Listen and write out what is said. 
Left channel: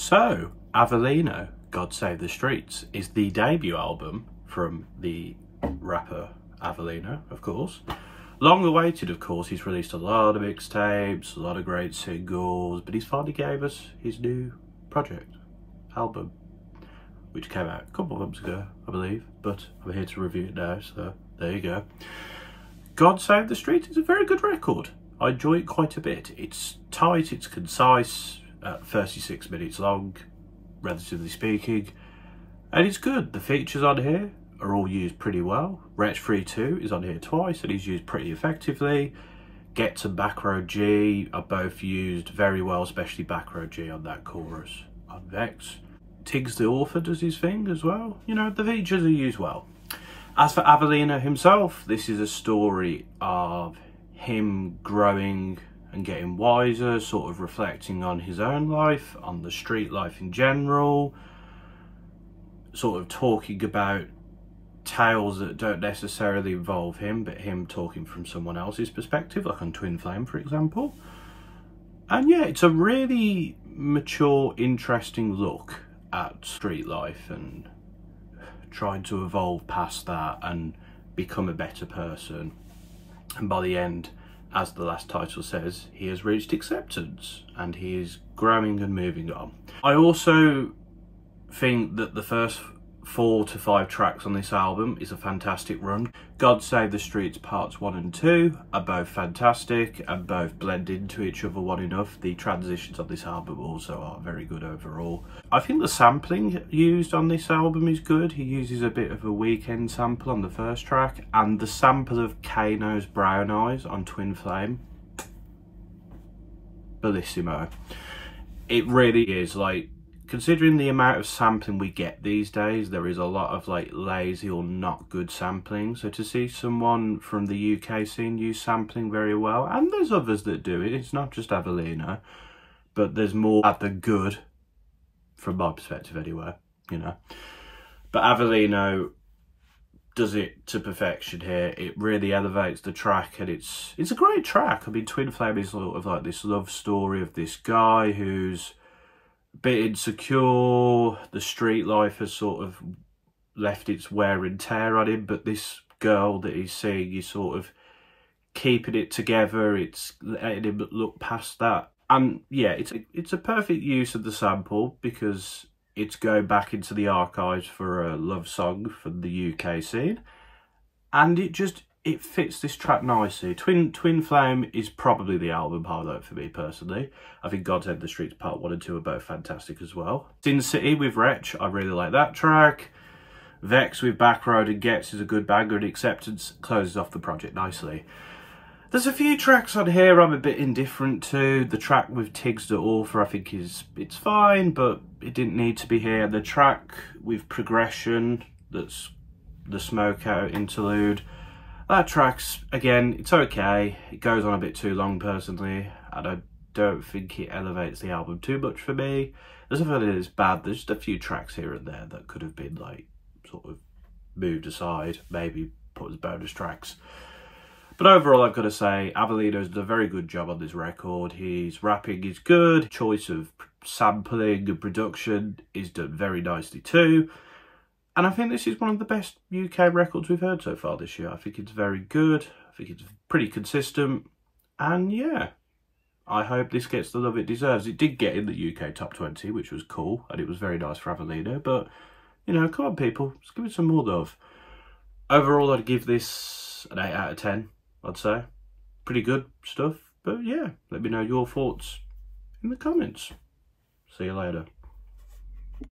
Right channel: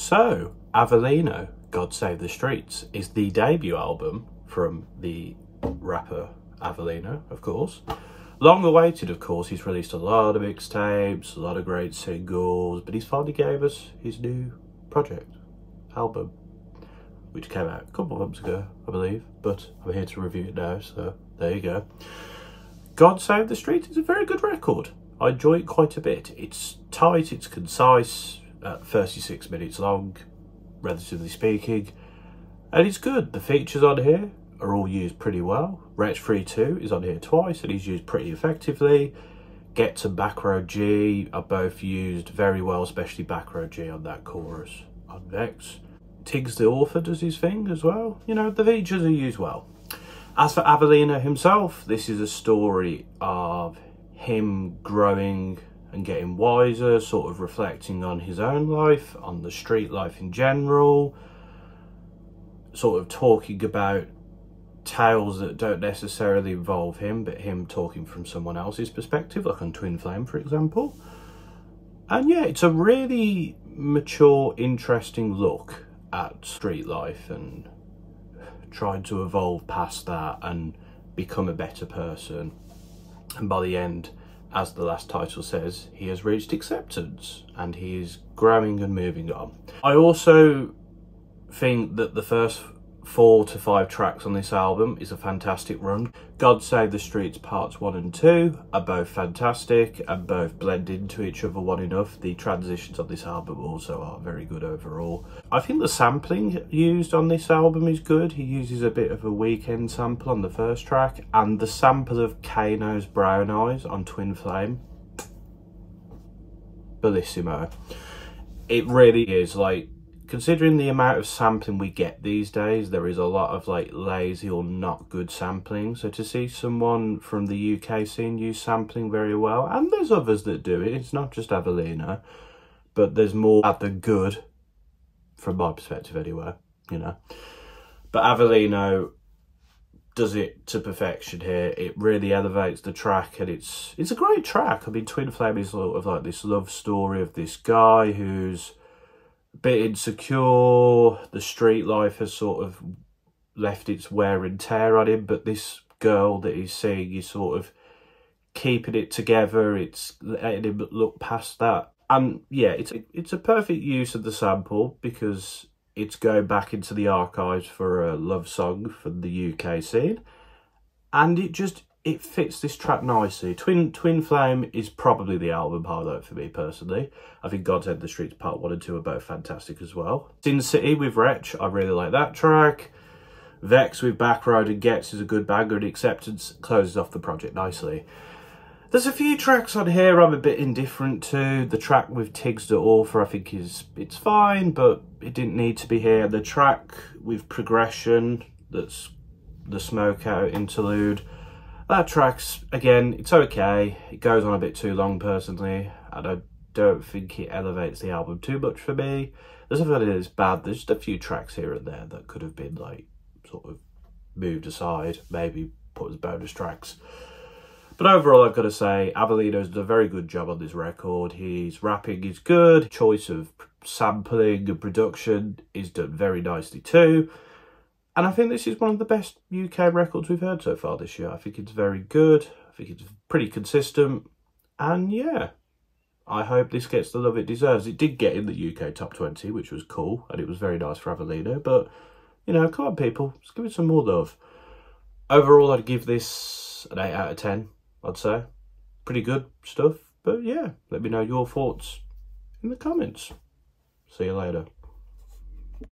So, Avelino, God Save the Streets, is the debut album from the rapper Avelino, of course. Long awaited, of course. He's released a lot of mixtapes, a lot of great singles, but he's finally gave us his new project, album, which came out a couple of months ago, I believe, but I'm here to review it now, so there you go. God Save the Streets is a very good record. I enjoy it quite a bit. It's tight, it's concise, 36 minutes long, relatively speaking, and it's good. The features on here are all used pretty well. Wretch Free 2 is on here twice and he's used pretty effectively. Gets and Back Row G are both used very well, especially Back Row G on that chorus on Vex. Tiggs the Author does his thing as well. You know, the features are used well. As for Avelino himself, this is a story of him growing and getting wiser, sort of reflecting on his own life, on the street life in general, sort of talking about tales that don't necessarily involve him, but him talking from someone else's perspective, like on Twin Flame, for example. And yeah, it's a really mature, interesting look at street life and trying to evolve past that and become a better person. And by the end, as the last title says, he has reached acceptance and he is growing and moving on. I also think that the first 4 to 5 tracks on this album is a fantastic run. God Save the Streets parts 1 and 2 are both fantastic and both blend into each other well enough. The transitions on this album also are very good overall. I think the sampling used on this album is good. He uses a bit of a Weekend sample on the first track, and the sample of Kano's Brown Eyes on Twin Flame, bellissimo. It really is, like, considering the amount of sampling we get these days, there is a lot of like lazy or not good sampling. So to see someone from the UK scene use sampling very well, and there's others that do it, it's not just Avelino, but there's more at the good, from my perspective anyway, you know. But Avelino does it to perfection here. It really elevates the track, and it's a great track. I mean, Twin Flame is sort of like this love story of this guy who's a bit insecure. The street life has sort of left its wear and tear on him, but this girl that he's seeing is sort of keeping it together. It's letting him look past that. And yeah, it's a perfect use of the sample because it's going back into the archives for a love song from the UK scene, and it fits this track nicely. Twin Flame is probably the album highlight for me personally. I think God Save the Streets part 1 and 2 are both fantastic as well. Sin City with Wretch, I really like that track. Vex with Back Road and Gets is a good banger, and Acceptance closes off the project nicely. There's a few tracks on here I'm a bit indifferent to. The track with Tiggs the Author I think it's fine, but it didn't need to be here. The track with Progression, that's the Smoke Out interlude, that track's, again, it's okay. It goes on a bit too long personally, and I don't think it elevates the album too much for me. There's nothing that is bad. There's just a few tracks here and there that could have been like sort of moved aside, maybe put as bonus tracks. But overall, I've got to say, Avelino's done a very good job on this record. His rapping is good. Choice of sampling and production is done very nicely too. And I think this is one of the best UK records we've heard so far this year. I think it's very good. I think it's pretty consistent. And yeah, I hope this gets the love it deserves. It did get in the UK top 20, which was cool. And it was very nice for Avelino. But, you know, come on, people. Let's give it some more love. Overall, I'd give this an 8 out of 10, I'd say. Pretty good stuff. But yeah, let me know your thoughts in the comments. See you later.